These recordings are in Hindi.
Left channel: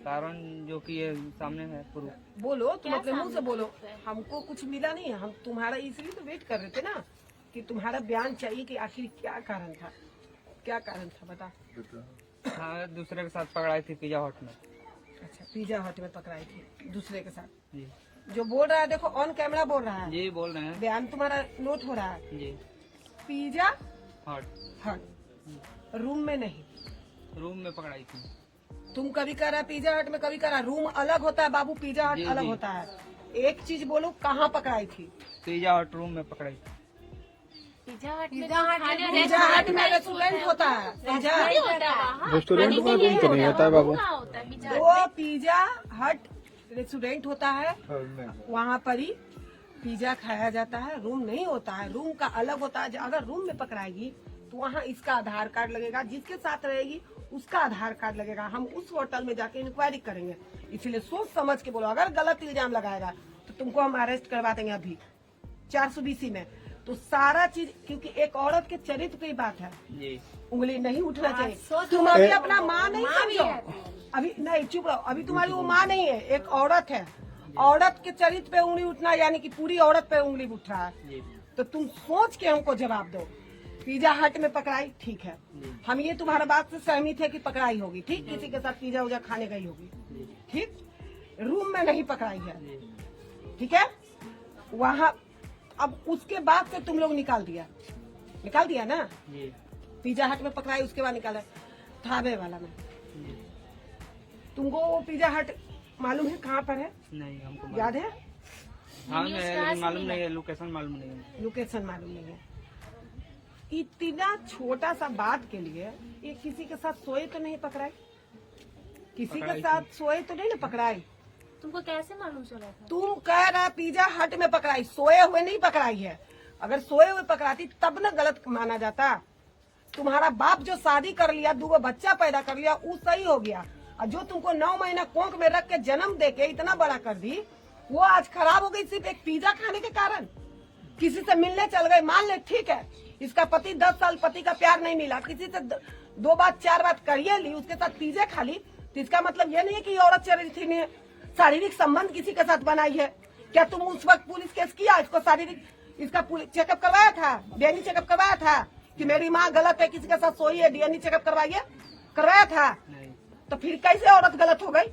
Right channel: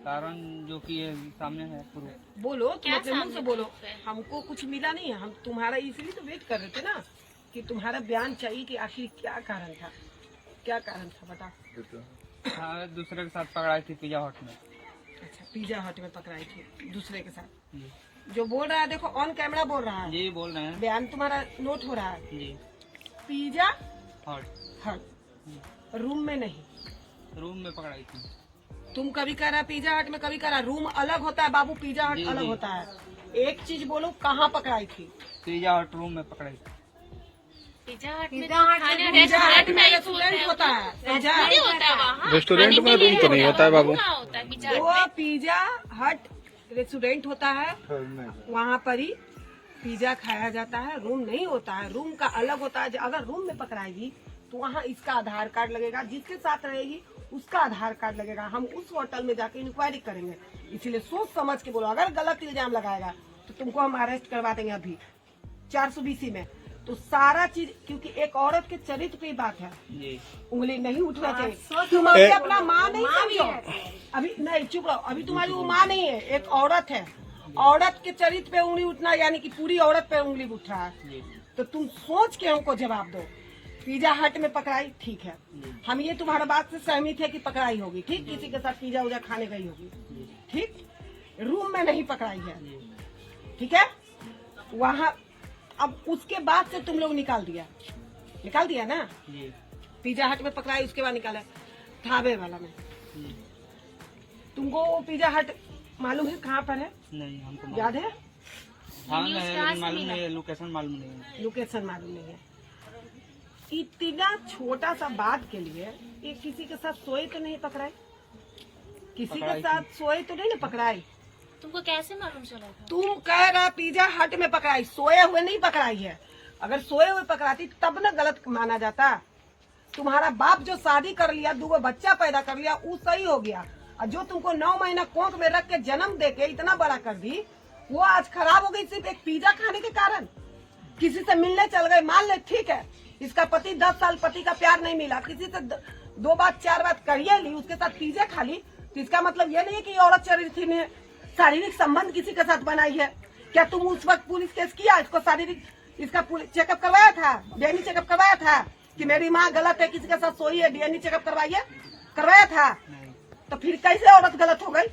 कारण जो कि ये सामने है प्रूफ। बोलो, क्या मुंह से बोलो। हमको कुछ मिला नहीं है, हम तुम्हारा इसलिए तो वेट कर रहे थे ना कि तुम्हारा बयान चाहिए कि आखिर क्या कारण था, क्या कारण था बता। हाँ, दूसरे के साथ पकड़ाई थी पिज्जा हट में। अच्छा, पिज्जा हट में पकड़ाई थी दूसरे के साथ। जी जो बोल रहा है देखो ऑन कैमरा बोल रहा है। जी बोल रहे हैं बयान तुम्हारा नोट हो रहा है। जी। पिज्जा हट हट रूम में नहीं, रूम में पकड़ाई थी। तुम कभी कह रहा पिज्जा हट में, कभी कह रहा रूम अलग होता है बाबू, पिज्जा हट जी, अलग जी। होता है। एक चीज बोलो, कहाँ पकड़ाई थी? पिज्जा हट रूम में पकड़ाई थी। पिज्जा हट में रेस्टोरेंट होता है, रेस्टोरेंट में रूम तो नहीं होता है बाबू। वो पिज्जा हट रेस्टोरेंट होता है, वहाँ पर ही पिज्जा खाया जाता है। रूम नहीं होता है, रूम का अलग होता है। अगर रूम में पकड़ाएगी तो वहाँ इसका आधार कार्ड लगेगा, जिसके साथ रहेगी उसका आधार कार्ड लगेगा। हम उस होटल में जाके इंक्वायरी करेंगे, इसलिए सोच समझ के बोलो। अगर गलत इल्जाम लगाएगा तो तुमको हम अरेस्ट करवा देंगे अभी 420 में। तो सारा चीज, क्योंकि एक औरत के चरित्र की बात है, उंगली नहीं उठना चाहिए। तुम अभी अपना माँ नहीं समझो, अभी नहीं, चुप रहो। अभी तुम्हारी वो माँ नहीं है, एक औरत है। औरत के चरित्र पे उंगली उठना यानी कि पूरी औरत पे उंगली उठ रहा है। तो तुम सोच के हमको जवाब दो। पिज्जा हट में पकड़ाई, ठीक है, हम ये तुम्हारा बात से सहमत है कि पकड़ाई होगी, ठीक, किसी के साथ पिज्जा उजा खाने गई होगी, ठीक। रूम में नहीं पकड़ाई है, ठीक है। वहाँ अब उसके बाद से तुम लोग निकाल दिया ना। पिज्जा हट में पकड़ाई, उसके बाद निकाला ढाबे वाला में। तुमको वो पिज्जा हट मालूम है कहाँ पर है? नहीं, हमको याद है? हाँ, नहीं मालूम नहीं है, लोकेशन मालूम नहीं है। लोकेशन मालूम नहीं है। इतना छोटा सा बात के लिए ये किसी के साथ सोए तो नहीं पकड़ाई, किसी के साथ सोए तो नहीं ना पकड़ाई। तुमको कैसे मालूम चला था? तुम कह रहा पिज्जा हट में पकड़ाई, सोए हुए नहीं पकड़ाई है। अगर सोए हुए पकड़ाती तब ना गलत माना जाता। तुम्हारा बाप जो शादी कर लिया, 2 बच्चा पैदा कर लिया, वो सही हो गया। और जो तुमको 9 महीना कोख में रख के जन्म दे के इतना बड़ा कर दी, वो आज खराब हो गई सिर्फ एक पिज्जा खाने के कारण। किसी से मिलने चल गए, मान ले ठीक है, इसका पति 10 साल पति का प्यार नहीं मिला, किसी से 2 बात 4 बात करिए ली, उसके साथ पिज्जा खा ली, तो इसका मतलब ये नहीं है कि औरत चरित्र ने शारीरिक संबंध किसी के साथ बनाई है। क्या तुम उस वक्त पुलिस केस किया? इसको शारीरिक, इसका चेकअप करवाया था, डीएनए चेकअप करवाया था कि मेरी माँ गलत है, किसी के साथ सोई है, डीएनए चेकअप करवाइए, करवाया था। तो फिर कैसे औरत गलत हो गई?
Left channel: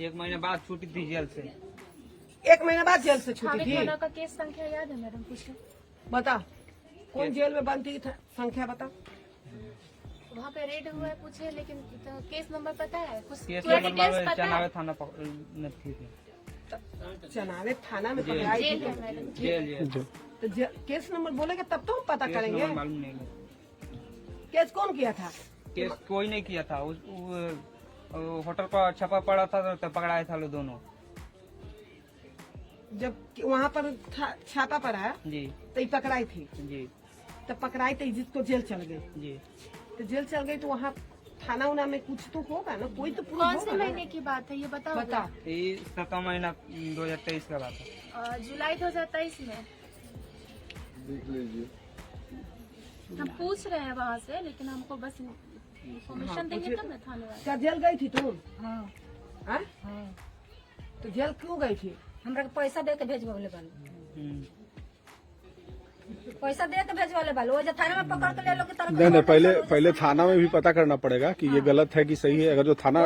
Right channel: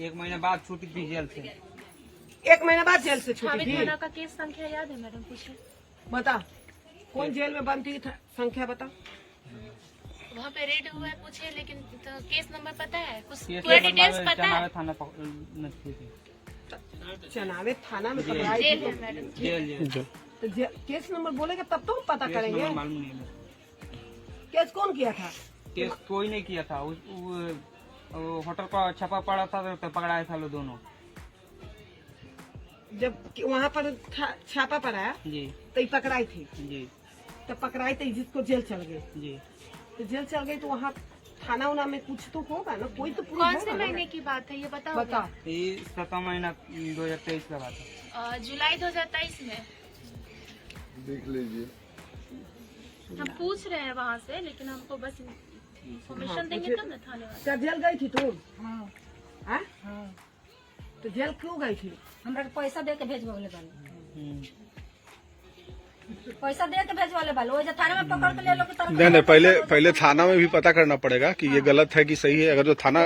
1 महीने बाद छूटी थी जेल से। 1 महीने बाद जेल से छूटी थी। का केस संख्या याद है मैडम? पीछे बता कौन जेल में बंद थी, संख्या बता। वहाँ पे रेड हुआ है, पूछे, लेकिन तो केस नंबर पता है? कुछ केस पूरा नंबर डिटेल्स पता है? चनावे थाना नजदीक थी। चनावे थाना में पकड़ाई जेल थी। है मैडम। तो केस नंबर बोलेगा तब तो हम पता केस करेंगे। नंबर मालूम नहीं है। केस कौन किया था? केस कोई नहीं किया था। होटल का छापा पड़ा था तो पकड़ाए था लोग दोनों। जब वहाँ पर छापा पड़ा जी तो ये पकड़ाई थी, जी तो पकड़ाई थी जिसको जेल चल गए। जी। तो जेल चल गई तो वहाँ थाना उना में कुछ तो होगा ना, कोई तो पुलिस कौन से होगा महीने ना। की बात है ये बताओ? बता। ये 7 महीना 2023 का बात है। जुलाई 2023 में। देख लीजिए। हम पूछ रहे हैं वहाँ से, लेकिन हमको बस इन्फॉर्मेशन देंगे तब ना थाने वाले। क्या जेल गई थी तू? हाँ हाँ? हाँ, तो जेल क्यों गई थी? हमरा के पैसा दे के भेजवाले बालो, हम्म। पैसा दे के भेजवाले बालो। वो जो थाने में पकड़ के ले लो कि तरह नहीं, पहले थाना में भी पता करना पड़ेगा कि ये गलत है कि सही है। अगर जो थाना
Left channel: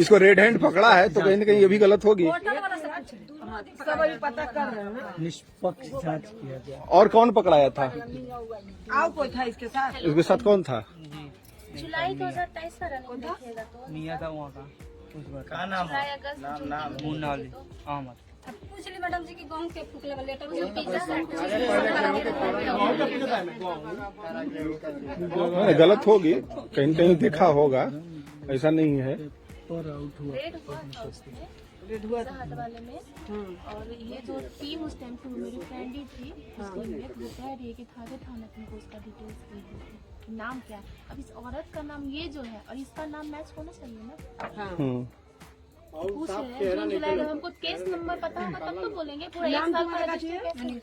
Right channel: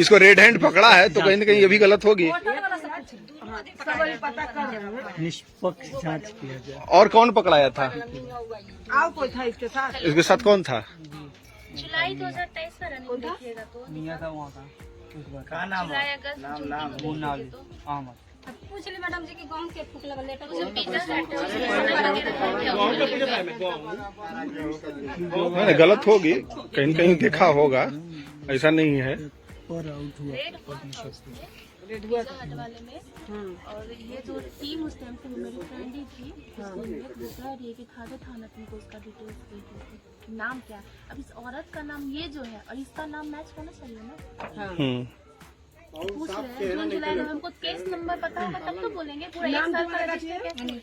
इसको रेड हैंड पकड़ा है तो कहीं न कहीं ये भी गलत होगी। होटल वाला से पूछे। हाँ, सब अभी पता कर रहे हैं। निष्पक्ष जांच किया जाए। और कौन पकड़ाया था? आओ कोई था इसके साथ? इसके साथ कौन था? जुलाई 2023 का रनिंग देखिएगा तो मियाँ था वहाँ का उस बार का। जुलाई अगस्त मुन्ना अली अहमद। पूछ ली मैडम जी की गाँव के फूक लगा लेटर नहीं, गलत होगी, कहीं न कहीं देखा होगा, ऐसा नहीं है। रेड हुआ था। हट वाले में। और ये जो टीम उस टाइम पे मेरी फ्रेंड ही थी, वो कह रही है कि थाने थाना तुमको उसका डिटेल्स दे दी, नाम क्या है। अब इस औरत का नाम ये जो है और इसका नाम मैच होना चाहिए ना। हाँ। पूछ रहे हैं जून जुलाई में, हमको केस नंबर पता होगा तब तो बोलेंगे। पूरा 1 साल का रजिस्टर केस